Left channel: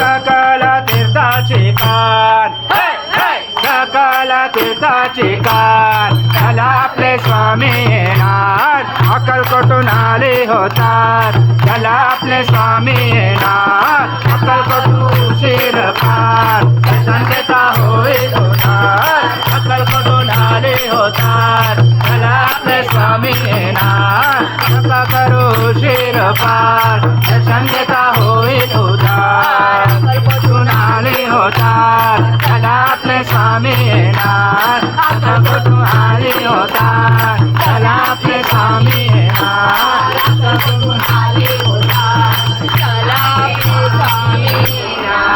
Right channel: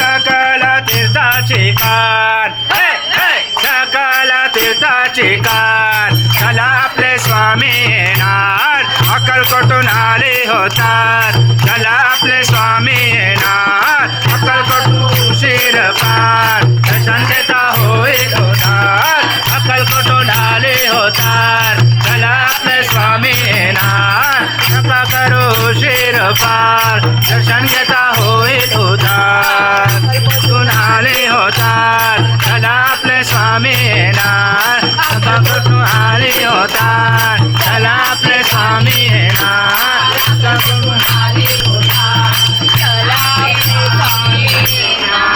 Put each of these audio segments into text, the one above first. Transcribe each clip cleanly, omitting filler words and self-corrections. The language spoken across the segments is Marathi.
सकल तीर्थाची कान, सकल तीर्थाची कान, चला आपले स्वामी येणार, अक्कलकोटून आले होतात, चला आपले स्वामी येणार, अक्कलकोटून शिरपान, दर्शन देता होईल होणार, अक्कलकोटून आले होतात, चला आपले स्वामी येणार, नका करू शिरपान, दर्शन घेता होईल होतात, अक्कलकोटून आले होतात, चला आपले स्वामी येणार, अक्कलकोटून आले होतात, चला आपले स्वामी येणार, अक्कलकोटून आले होतात, चला आपले स्वामी येणार.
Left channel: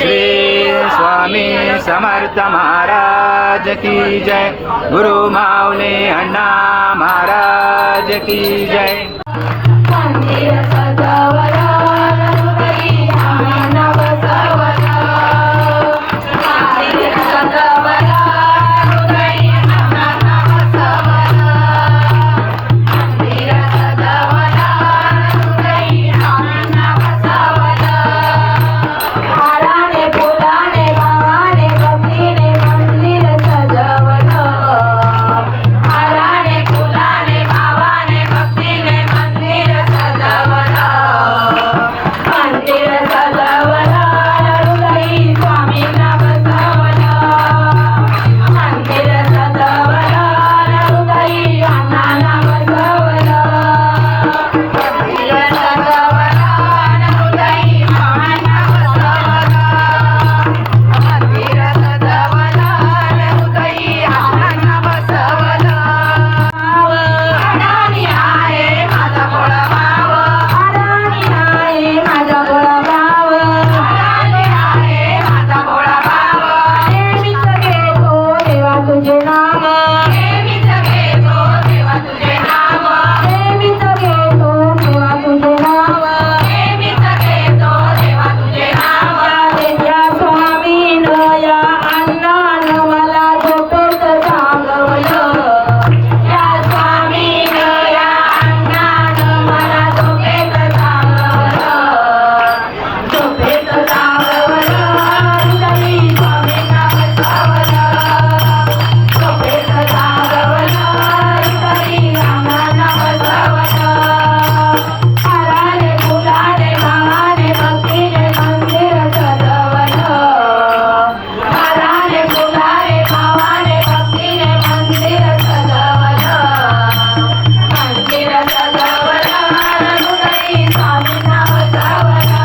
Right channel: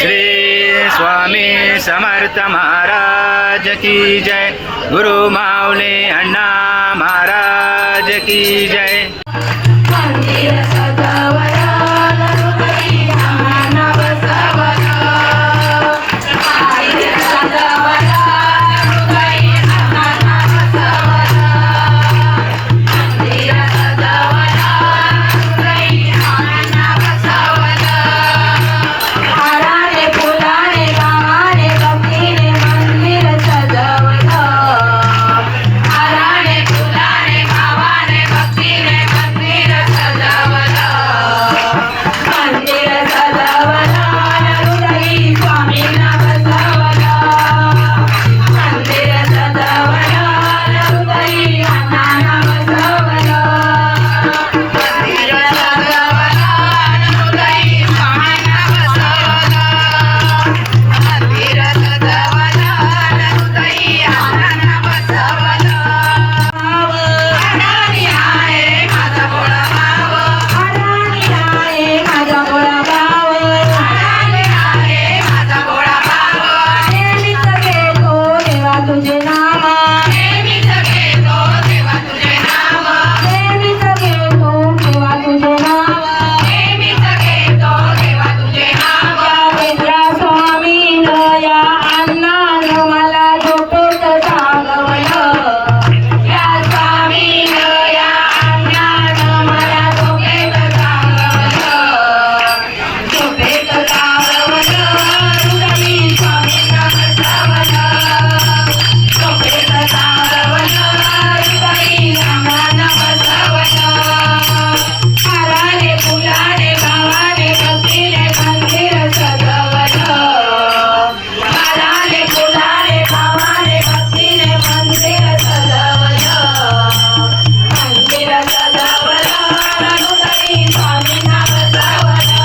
श्री स्वामी समर्थ महाराज की जय. गुरु माऊली अण्णा महाराज की जय. मंदिर सजवला नरहरी आम्हाला बसवला, मंदिर सजवला नरहरी आम्हाला बसवला, मंदिर सजवला नरहरी आम्हाला बसवला, हाराने फुलाने गावाने भक्तीने मंदिर सजवला, हाराने फुलाने गावाने भक्तीने मंदिर सजवला, मंदिर सजवला नरहरी स्वामींना बसवला, मंदिर सजवला नरहरी अण्णांना बसवला, मंदिर सजवला नरहरी स्वामींना बसवला, मंदिर सजवला नरहरी अण्णांना बसवला. अडाणी आहे माझा भोळा भाव, अडाणी आहे माझा भोळा भाव, अडाणी आहे माझा भोळा भाव, नेहमीच घेतो देवा तुझे नाम, नेहमीच घेतो देवा तुझे नाम, नेहमीच घेतो देवा तुझे नाम, नेहमीच घेतो देवा तुझे नाम. या स्वामीनं या अण्णानं मला झोपेत जागवलं, या स्वामीनं या अण्णानं मला झोपेत जागवलं, झोपेत जागवलं हृदयी स्वामींना बसवलं, झोपेत जागवलं हृदयी आम्हाला बसवलं, हाराने फुलाने गावाने भक्तीने मंदिर सजवलं, हाराने फुलाने गावाने भक्तीने मंदिर सजवलं, मंदिर सजवलं हृदयी स्वामींना बसवलं,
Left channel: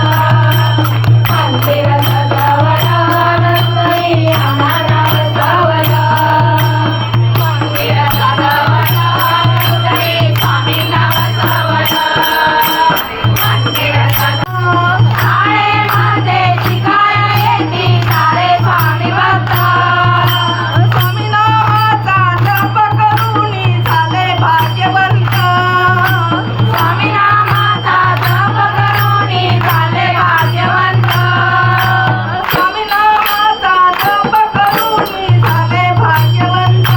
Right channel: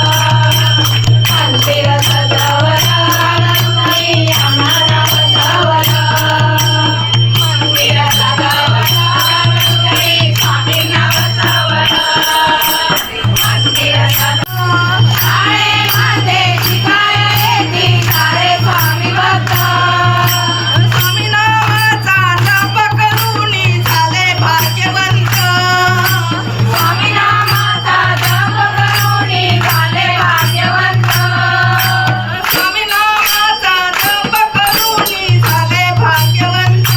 मंदिर सजवलं हृदयी आम्हाला बसवलं, मंदिर सजवलं हृदयी स्वामींना बसवलं, मंदिर सजवलं. शाळेमध्ये शिकायला येती सारे स्वामी भक्त, स्वामी नावाचा जप करूनी झाले भाग्यवंत, स्वामी नामाचा जप करूनी झाले भाग्यवंत, स्वामी नामाचा जप करूनी झाले भाग्यवंत,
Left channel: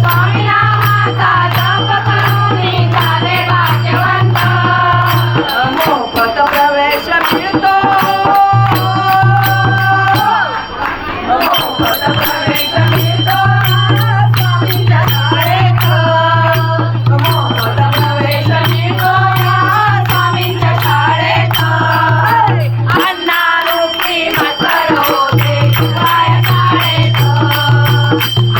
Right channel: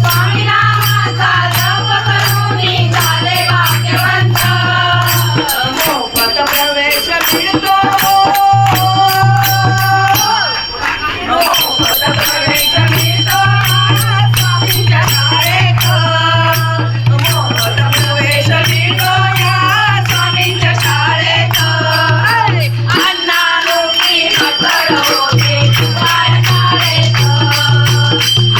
स्वामी नामाचा जप करूनी झाले भाग्यवंत. मोफत प्रवेश मिळतो, मोफत प्रवेश मिळतो स्वामींच्या शाळेत, मोफत प्रवेश मिळतो या स्वामींच्या शाळेत, अण्णारूपी मकर होते शिवाय शाळेत,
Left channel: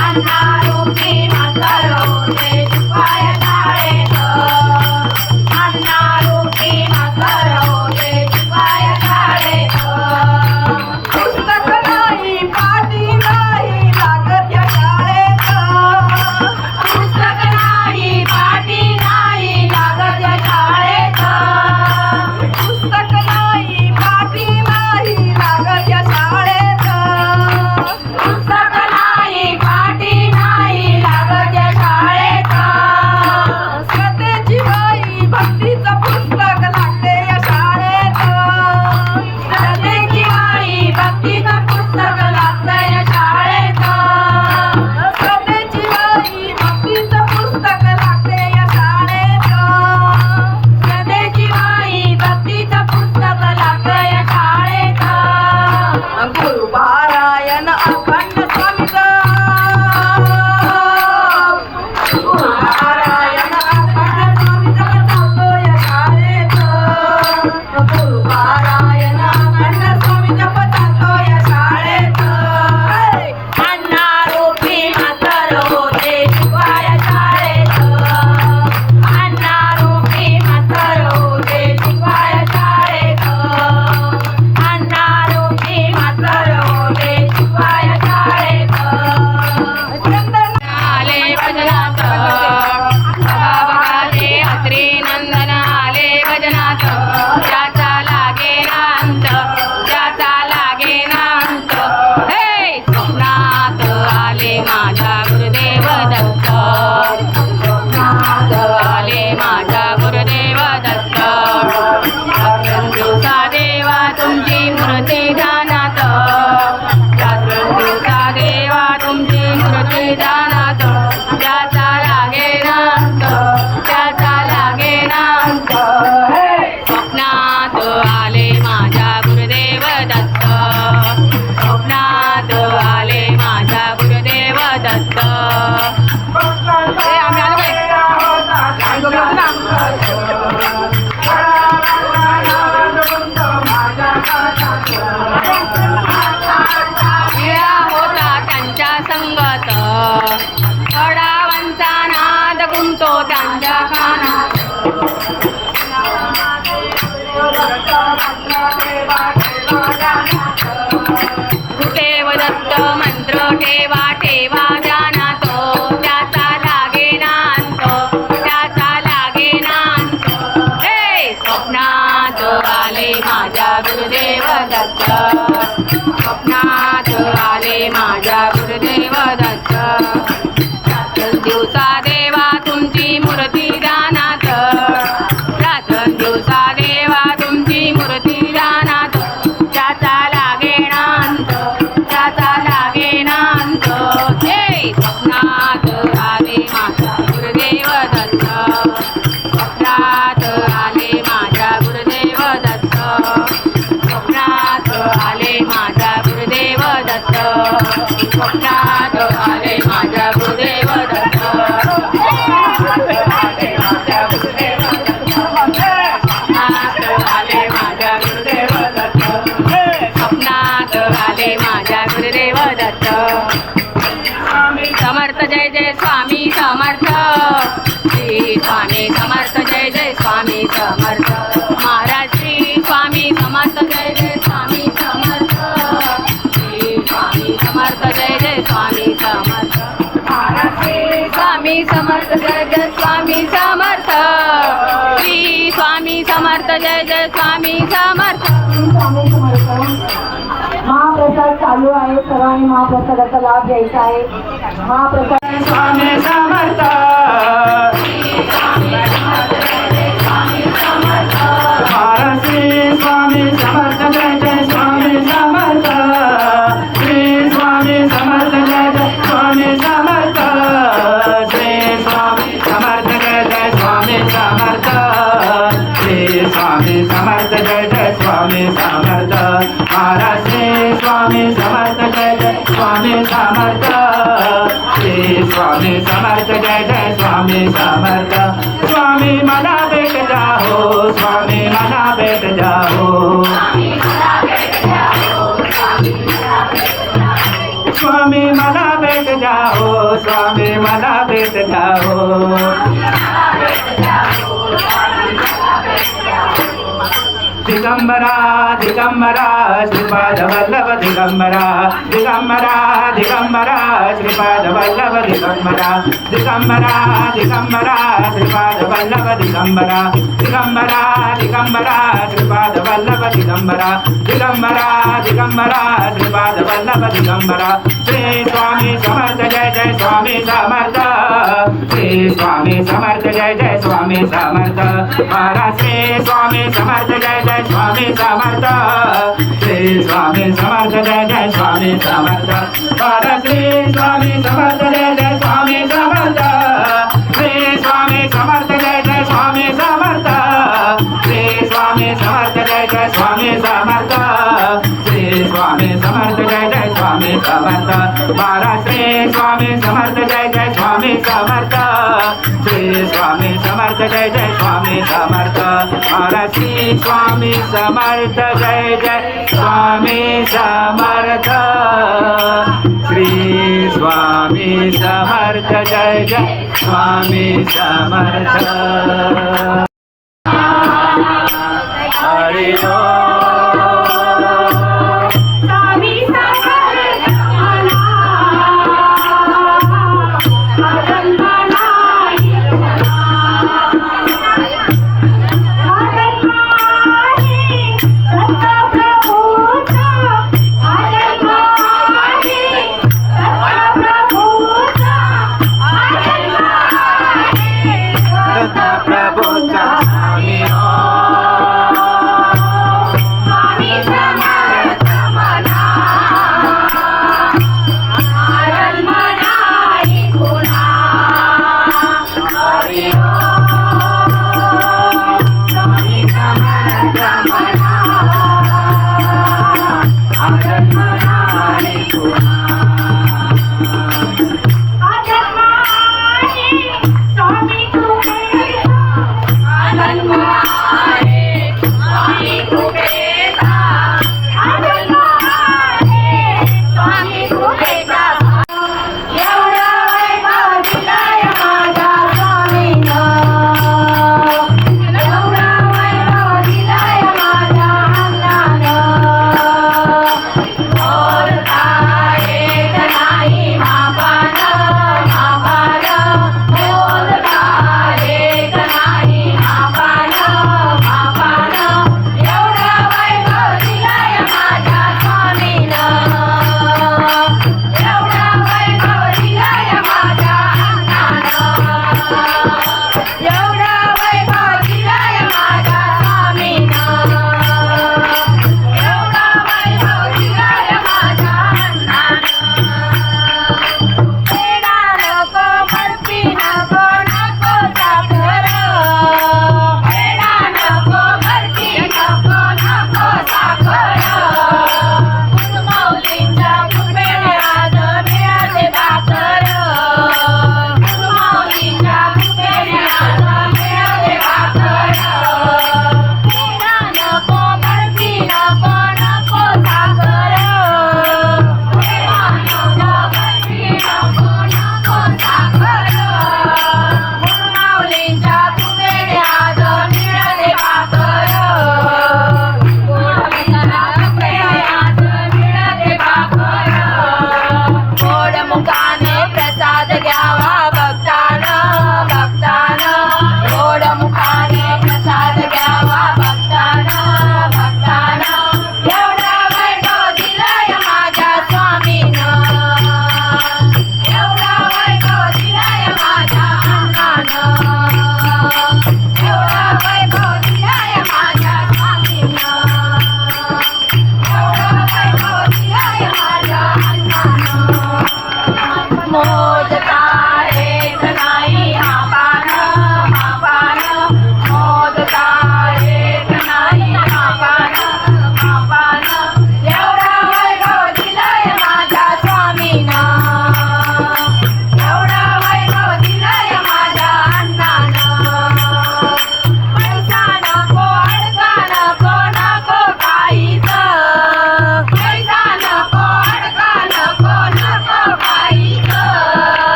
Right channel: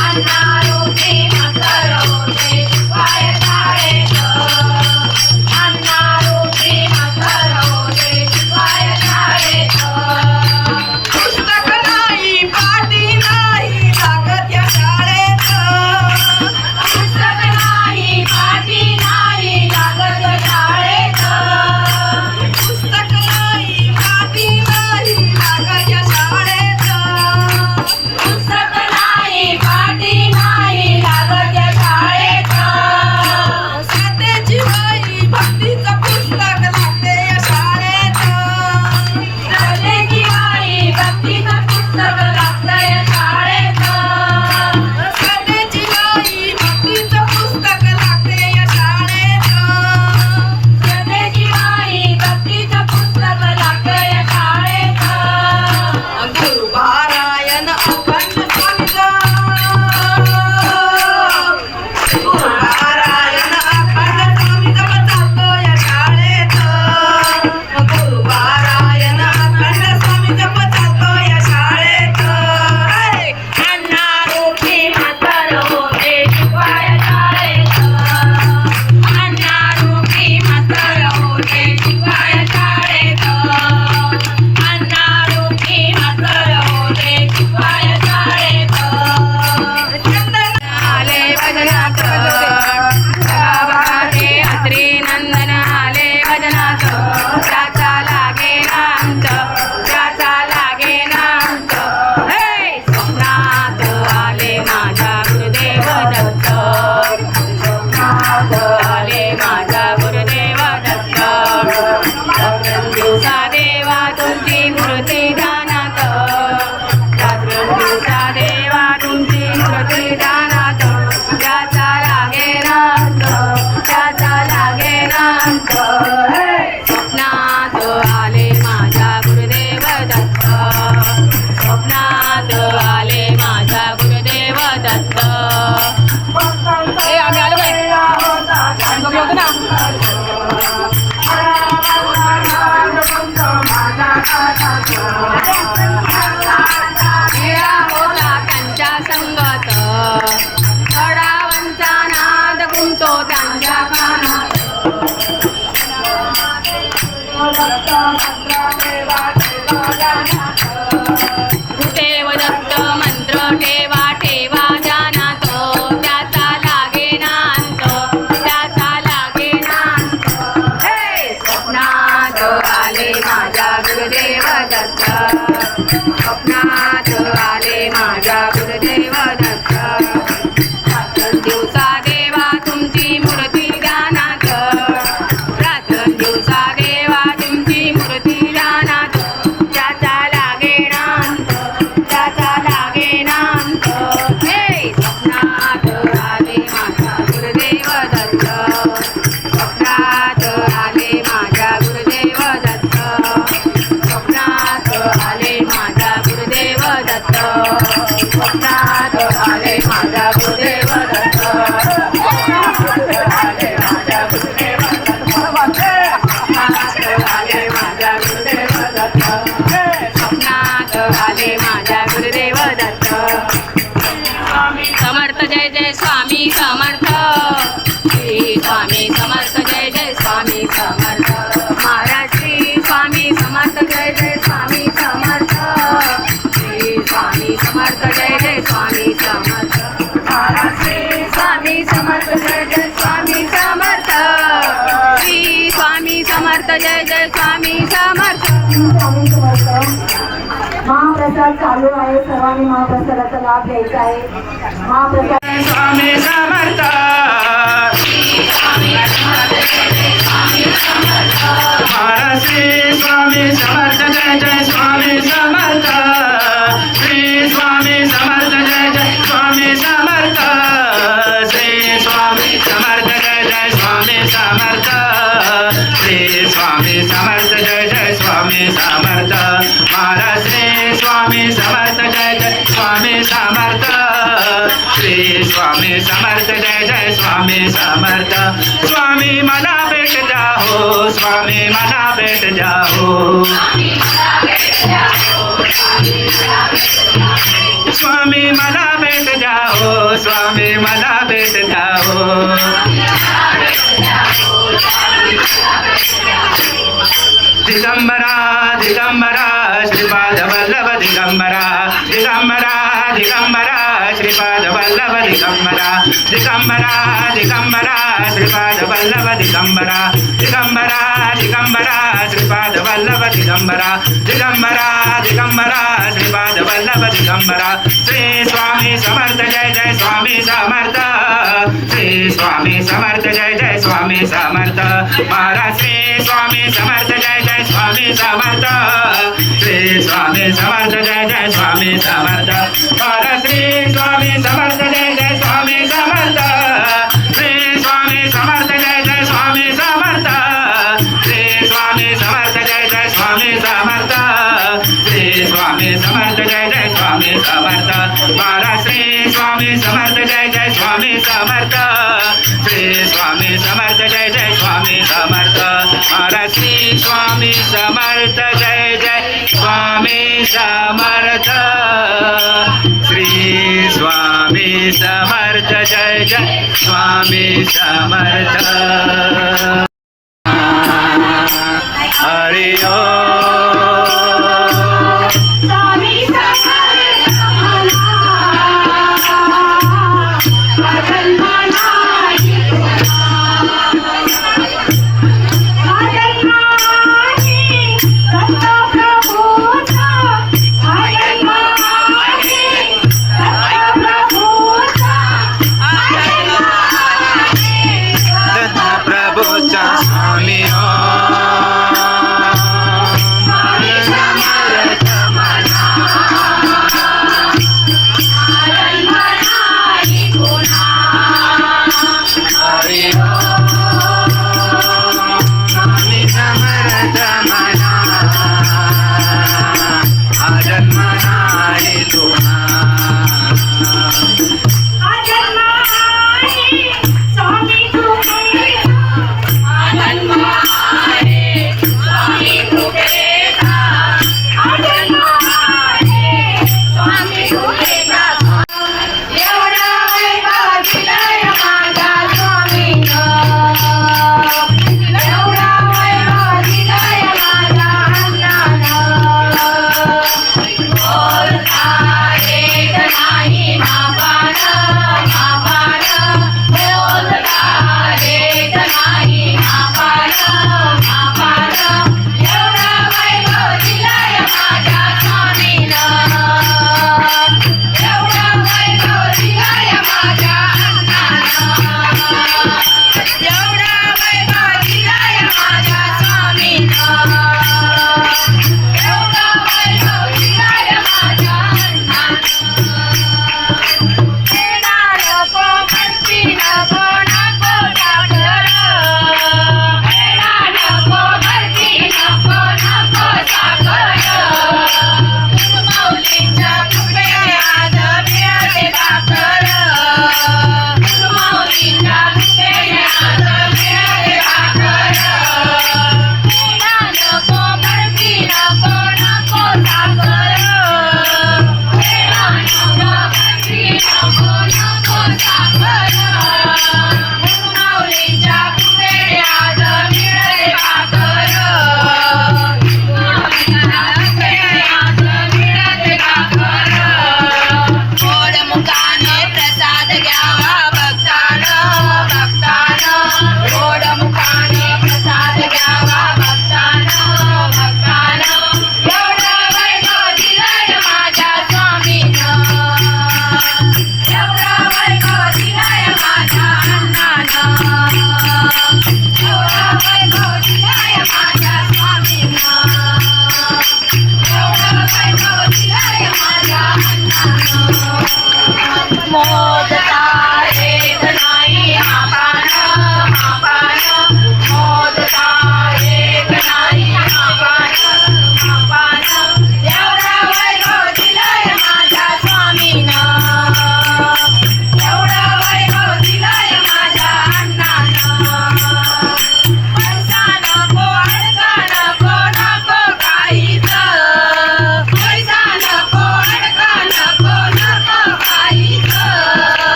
अण्णारूपी मकर होते शिवाय शाळेत, अण्णारूपी मकर होते शिवाय शाळेत. गुरुदेव दत्त मंत्र ठेवा ठेवा ध्यानात त्याचा लागे नांत त्याचा लागे नांत हे स्वप्नात आले माझ्या गुरुदेव दत्त स्वप्नात आले माझ्या गुरुदेव दत्त दिवसा देवा तुमची मूर्ती ध्यानात दिवसा देवा तुमची मूर्ती ध्यानात त्याचा लागे नांत त्याचा लागे नांत हे स्वप्नात आले माझ्या गुरुदेव दत्त स्वप्नात आले माझ्या गुरुदेव दत्त स्वप्नात आले माझ्या गुरुदेव दत्त स्वप्नात आले माझ्या गुरुदेव दत्त आले माझ्या गुरुदेव दत्त स्वप्नात आले माझ्या गुरुदेव दत्त समर्थ जय जय स्वामी समर्थ श्री स्वामी समर्थ जय जय स्वामी समर्थ महाराज श्री स्वामी समर्थ जय जय स्वामी समर्थ श्री स्वामी समर्थ जय जय स्वामी समर्थ महाराज श्री स्वामी समर्थ जय जय स्वामी समर्थ श्री स्वामी समर्थ जय जय स्वामी समर्थ स्वामी समर्थ महाप्रसाद चालू आहे सर्वांनी महाप्रसादाचा लाभ घ्यायचा आहे महाप्रसाद स्वामी समर्थ महाराज श्री स्वामी समर्थ जय जय स्वामी समर्थ श्री स्वामी समर्थ जय जय स्वामी समर्थ श्री स्वामी समर्थ जय जय स्वामी समर्थ श्री स्वामी समर्थ जय जय स्वामी समर्थ महाराज श्री स्वामी समर्थ जय जय स्वामी समर्थ श्री स्वामी समर्थ जय जय स्वामी समर्थ स्वामी मला भेट जाओ स्वामी मला भेट जाओ स्वामी मला भेट जाओ स्वामी मला भेट जाओ दिगंबरा दिगंबरा श्रीपाद वल्लभ दिगंबरा दिगंबरा दिगंबरा श्रीपाद वल्लभ दिगंबरा दिगंबरा दिगंबरा श्रीपाद वल्लभ दिगंबरा दिगंबरा दिगंबरा श्रीपाद वल्लभ दिगंबरा दिगंबरा दिगंबरा श्रीपाद वल्लभ दिगंबरा श्री स्वामी समर्थ जय जय स्वामी समर्थ श्री स्वामी समर्थ जय जय स्वामी समर्थ महाराज श्री स्वामी समर्थ जय जय स्वामी समर्थ श्री स्वामी समर्थ जय जय स्वामी समर्थ महाराज श्री स्वामी समर्थ जय जय स्वामी समर्थ श्री स्वामी समर्थ जय जय स्वामी समर्थ श्री स्वामी समर्थ जय जय स्वामी समर्थ श्री स्वामी समर्थ जय जय स्वामी समर्थ महाराज श्री स्वामी समर्थ जय जय स्वामी समर्थ श्री स्वामी समर्थ जय जय स्वामी समर्थ महाराज श्री स्वामी समर्थ जय जय स्वामी समर्थ श्री स्वामी समर्थ जय जय स्वामी समर्थ हरि ओम स्वामी समर्थ प्रभूचा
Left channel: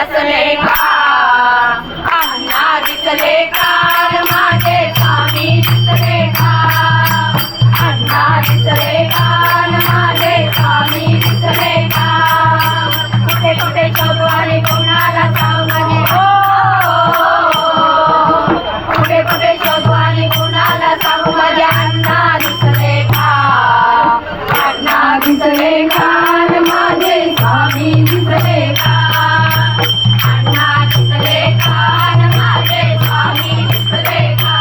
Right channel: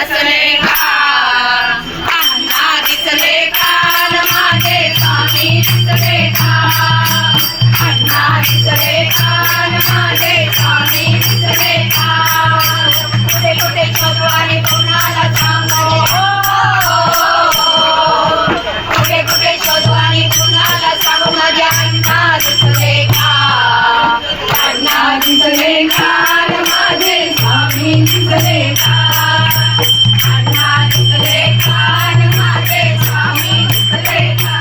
बसले का अण्णा दिसले कान माझे स्वामी दिसले का अण्णा दिसले कान माझे स्वामी दिसले का कुठे कुठे शोधू आणि कोणाला सांगू कुठे कुठे शोधू आणि कोणाला सांगू माझ्या अण्णा दिसले का अण्णा दिसले कान माझे स्वामी दिसले का अण्णा दिसले कान माझे स्वामी दिसले का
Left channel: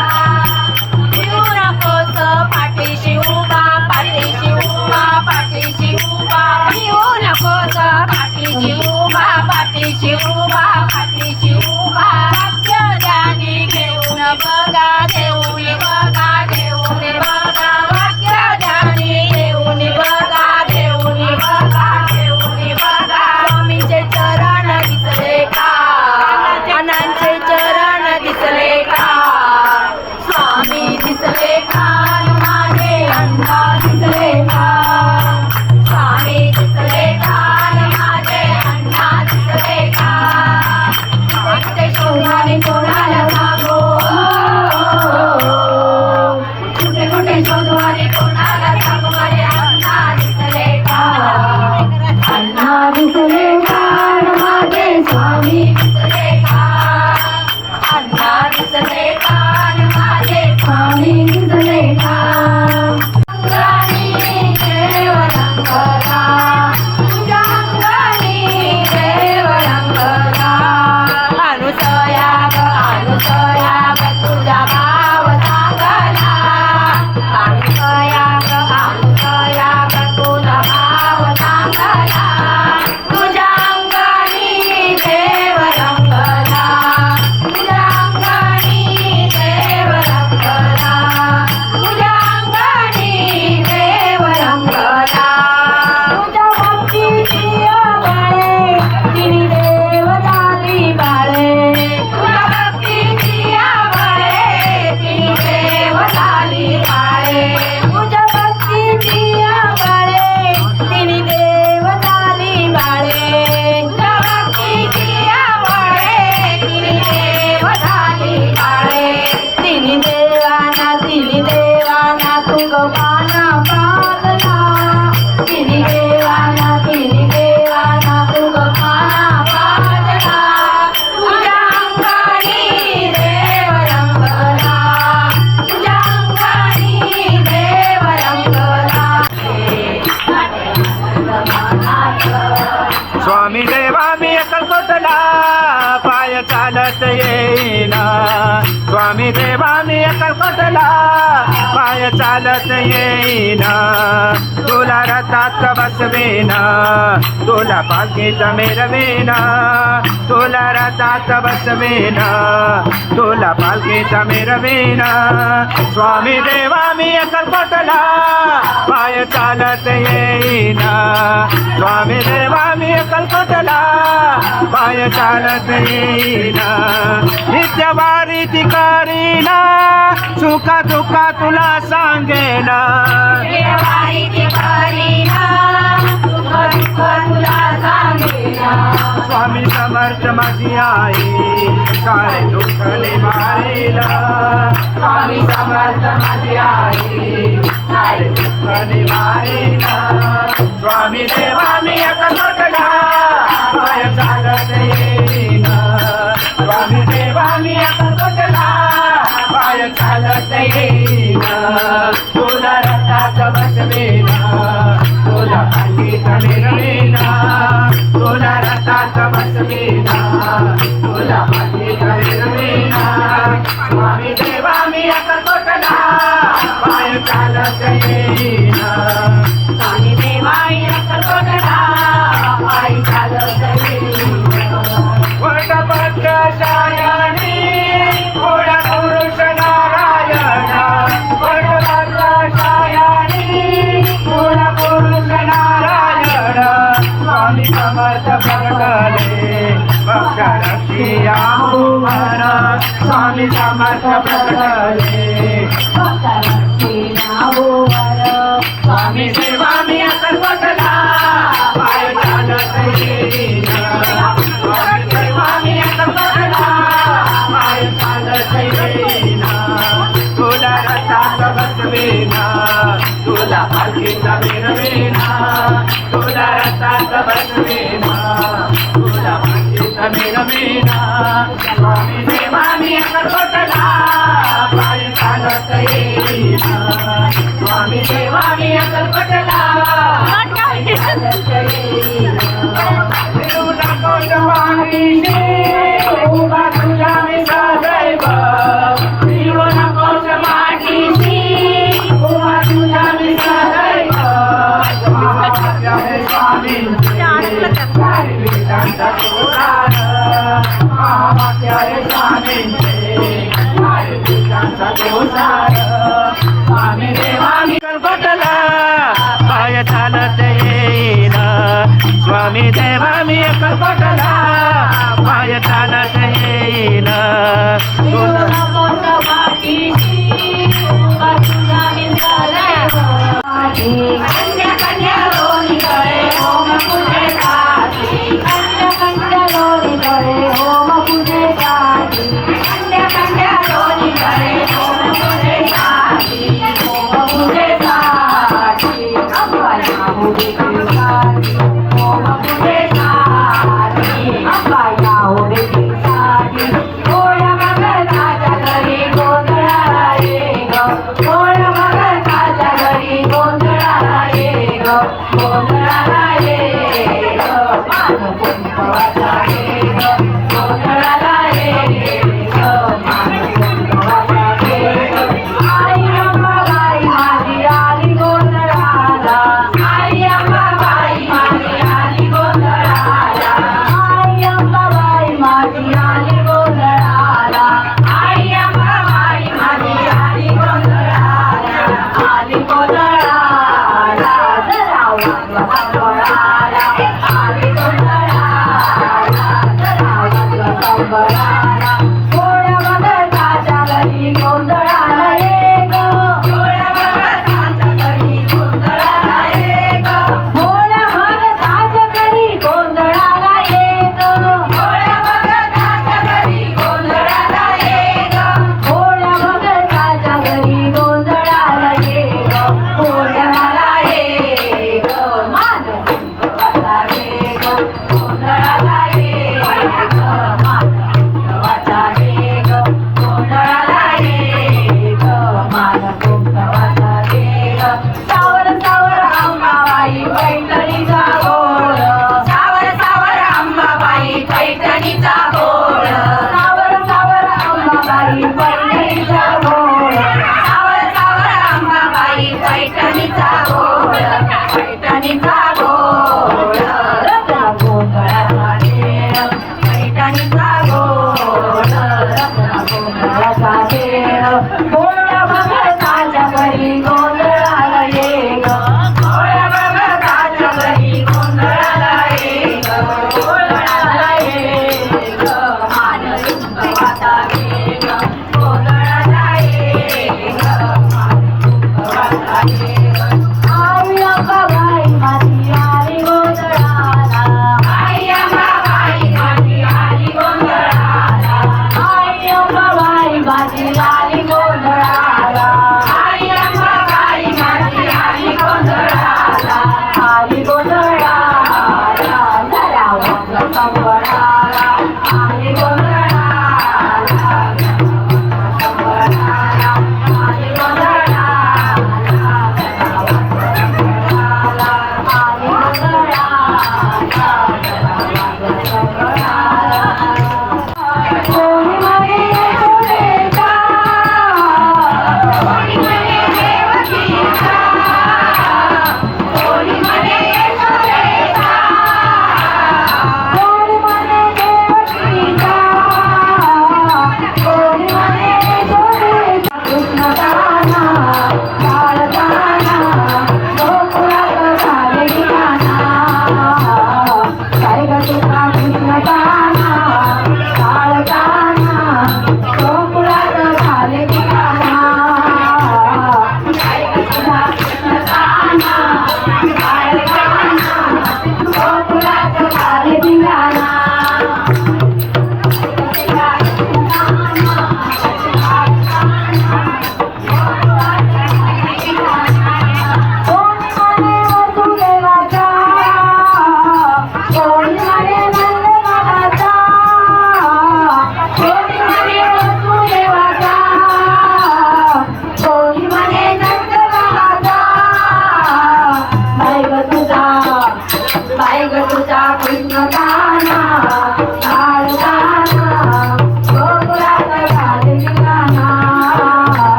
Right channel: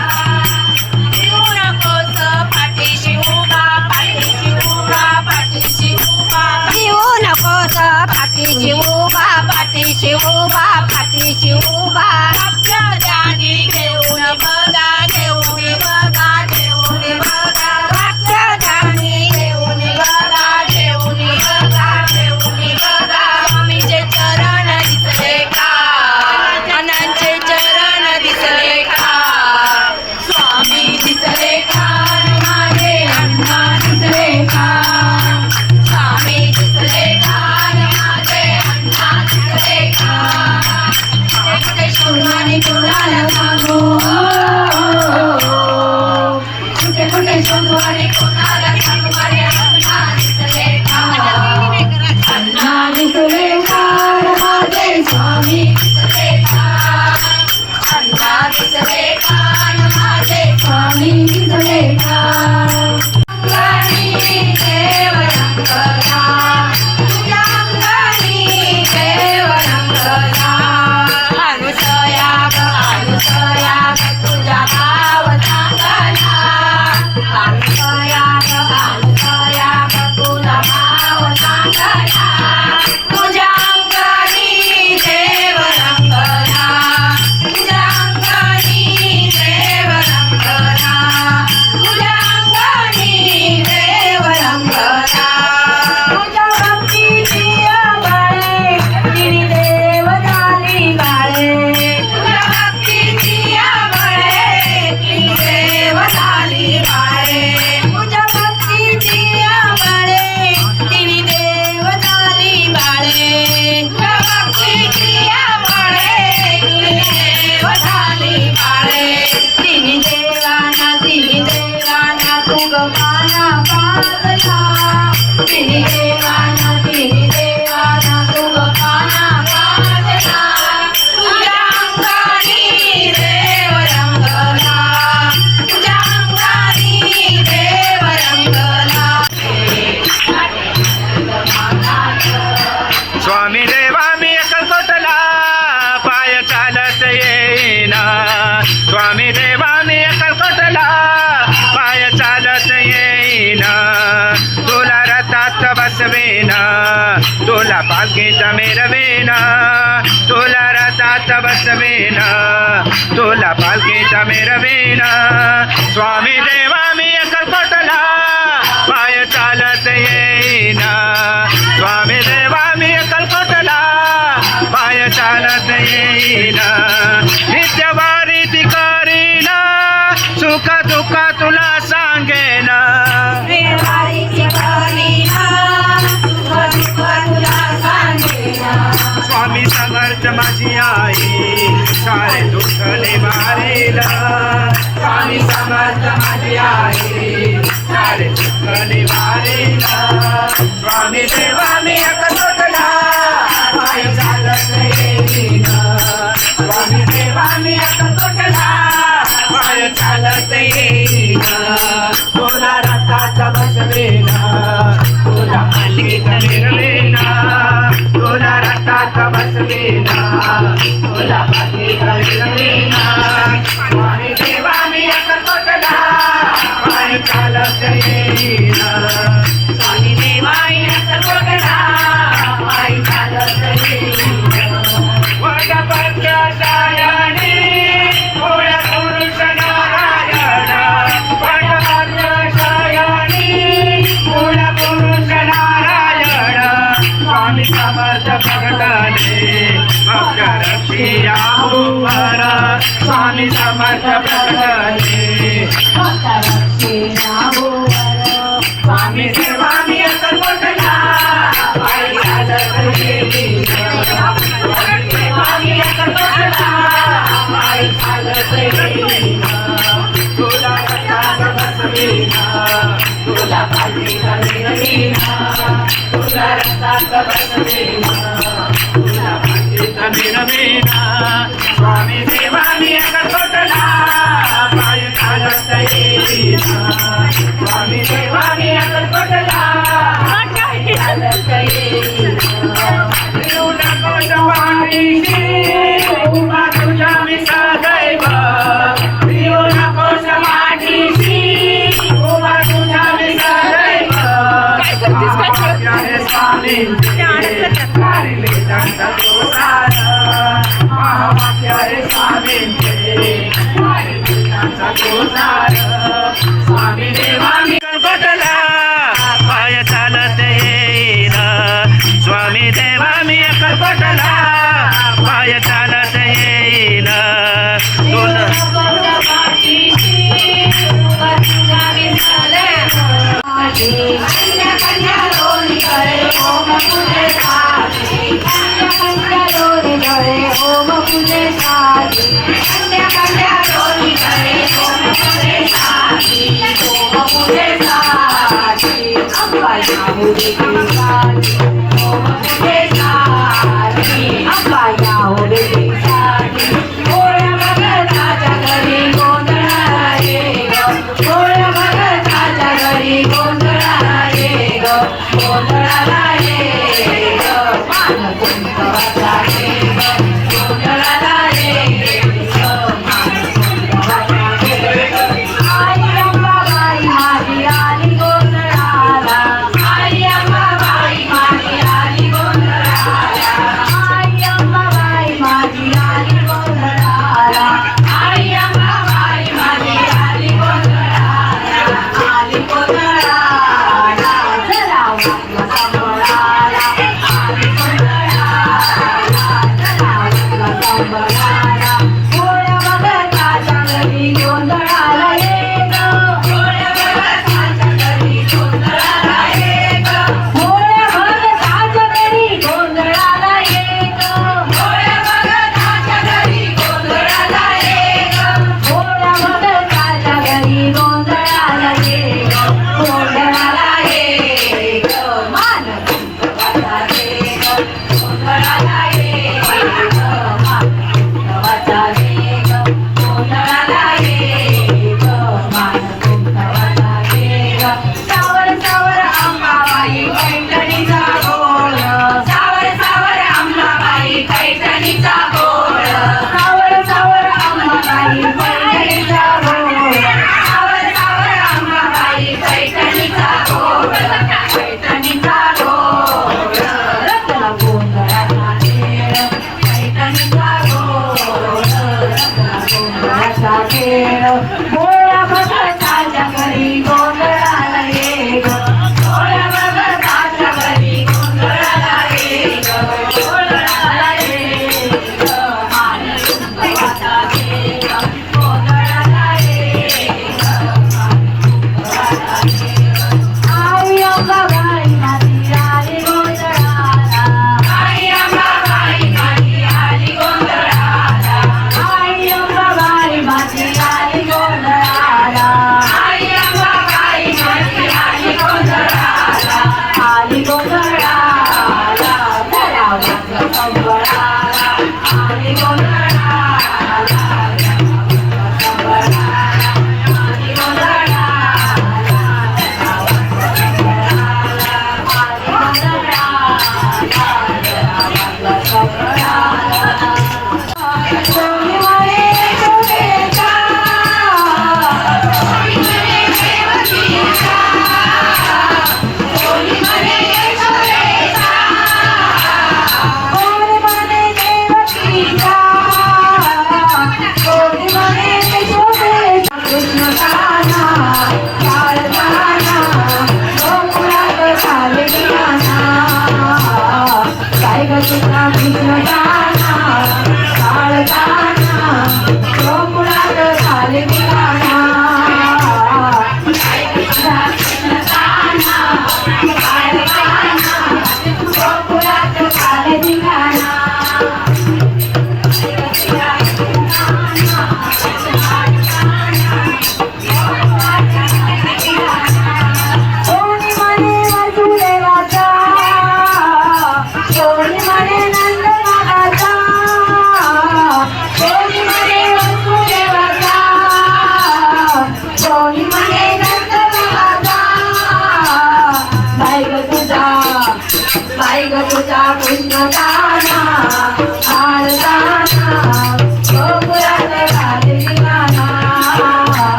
येऊ नकोस पाठीशी उभा पाठीशी उभा पाठीशी उभा येऊ नकोस पाठीशी उभा पाठीशी उभा पाठीशी उभा राज्यदानी घेऊन बघा घेऊन बघा घेऊन बघा राज्यदानी घेऊन बघा घेऊन बघा घेऊन बघा स्वामीचे चरण दिसले का अण्णांचे चरण दिसले का स्वामी दिसले का माझे अण्णा दिसले का स्वामी दिसले का माझे अण्णा दिसले का कुठे शोधू आणि कोणाला सांगू कुठे कुठे शोधू आणि कोणाला सांगू माझे अण्णा दिसले का अण्णा दिसले का माझे स्वामी दिसले का अण्णा दिसले का माझे स्वामी दिसले का अंगानी देव रंगला तुझ्या अंगानी देव रंगला अनुसया ग तुझा भाव चांगला अनुसया ग तुझा भाव चांगला तुझ्या अंगानी देव रंगला तुझ्या अंगानी देव रंगला तुझ्या अंगानी देव रंगला तुझ्या भक्तीची बाळे तिने देव झाली बाळे तुझ्या भक्तीची बाळे तिने देव झाली बाळे तुझ्या भक्तीची बाळे तिने देव झाली बाळे तुझ्या भक्तीची बाळे तिने देव झाली बाळे तिने देवाना तू गवाना पाजला तिने देवाना तू गवाना पाजला तुझ्या अंगानी देव रंगला तुझ्या अंगानी देव रंगला स्वामी देवा मी अक्कलकोटला पाय चालत येईना स्वामी देवा मी अक्कलकोटला पाय चालत येईना तुला रथात बसवेना तुला पालखीत मिरवेना तुला रथात बसवेना तुला पालखीत मिरवेना स्वामी देवा मी अक्कलकोटला पाय चालत येईना स्वामी देवा मी अक्कलकोटला पाय चालत येईना नित्यवारी ती करीना सुखा दुःखा तुला सांगेना स्वामी समर्थ माझी आई सारे दुःख निवारेला स्वामी समर्थ माझी आई सारे दुःख निवारेला स्वामी देवा मी अक्कलकोटला पाय चालत येईना स्वामी देवा मी अक्कलकोटला पाय चालत येईना तुला रथात बसवेना तुला पालखीत मिरवेना तुला रथात बसवेना तुला पालखीत मिरवेना स्वामी देवा मी अक्कलकोटला पाय चालत येईना स्वामी देवा मी अक्कलकोटला पाय चालत येईना वटपत्र शायाने भोळ्या पुरुष नारायणा वटपत्र शायाने भोळ्या पुरुष नारायणा स्वामी समर्थ प्रगटले भक्त रक्षिया भुवन स्वामी समर्थ प्रगटले स्वामी देवा मी अक्कलकोटला पाय चालत येईना स्वामी देवा बसवेना तुझ्या पाठीत मिळविना स्वामी देवा मी अक्कलकोटला पाय चालत येईना स्वामी देवा मी अक्कलकोटला पाय चालत येईना विरू नकोस वारीशी उभा तुझ्या मी सदैव विरू नकोस वारीशी उभा तुझ्या मी सदैव महावाक्य हे स्वामींचे वेदांचा तो सार महावाक्य हे स्वामींचे वेदांचा तो सार स्वामी देवा मी अक्कलकोटला पाय चालत येईन स्वामी देवा मी अक्कलकोटला पाय चालत येईन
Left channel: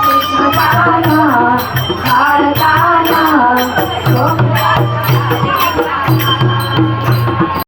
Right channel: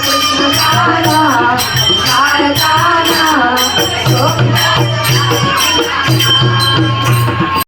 कृष्ण कान्हा, भारता